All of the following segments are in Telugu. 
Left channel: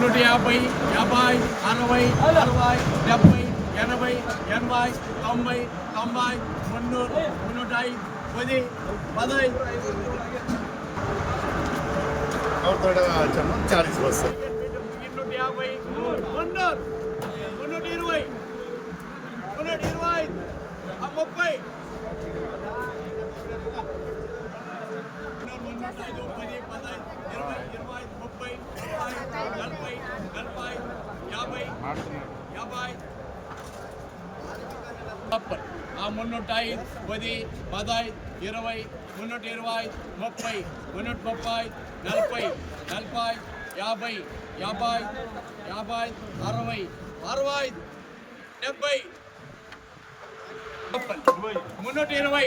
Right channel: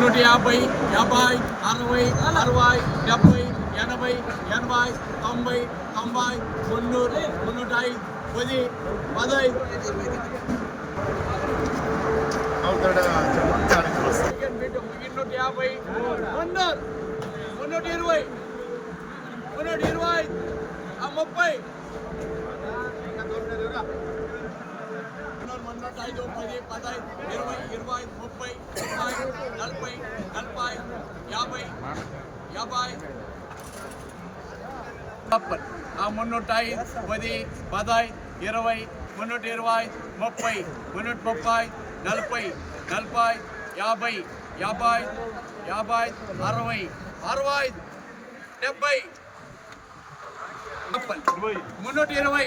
నూట యాభై యాభై అరవై అరవై డెబ్బై ఎనభై ఎనభై తొంభై తొంభై మున్నూరు మున్నూట పది పదై. ఇన్నూట యాభై మున్నూరు మున్నూట ఇరవై మున్నూట ఇరవై ముప్పై. మున్నూరు మున్నూట ఐదు పది పదహైదు ఇరవై ఇరవై ముప్పై ముప్పై నలభై నలభై యాభై యాభై. ముప్పై ఆ మున్నూట ఐదు పది పదహైదు ఇరవై మున్నూట ఇరవై ముప్పై మున్నూట ముప్పై నలభై నలభై యాభై యాభై యాభై అరవై అరవై డెబ్బై. మున్నూట ఇరవై.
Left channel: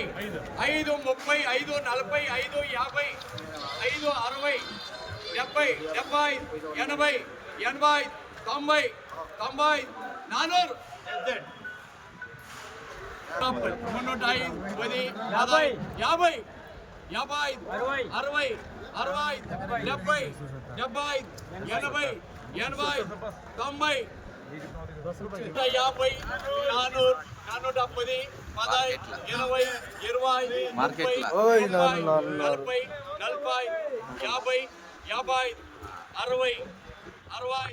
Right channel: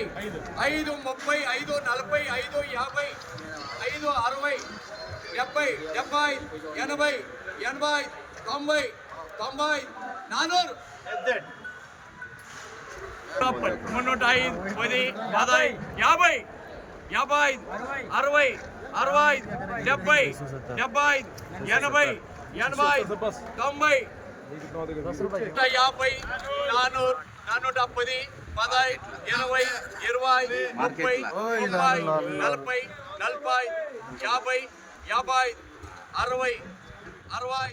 ఐదు. ముప్పై ఐదు నలభై ఐదు యాభై ఐదు అరవై డెబ్బై డెబ్బై ఎనభై ఎనభై తొంభై తొంభై నానూరు. మున్నూట ఐదు పది పదహైదు యాభై యాభై ఐదు అరవై అరవై డెబ్బై డెబ్బై ఎనభై ఎనభై తొంభై యాభై నానూరు నానూట పది పదహైదు ఇరవై ఇరవై ముప్పై ముప్పై నలభై నలభై యాభై యాభై అరవై అరవై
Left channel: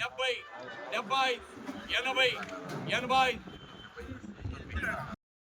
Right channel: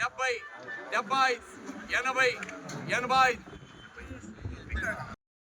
డెబ్బై డెబ్బై ఎనభై ఎనభై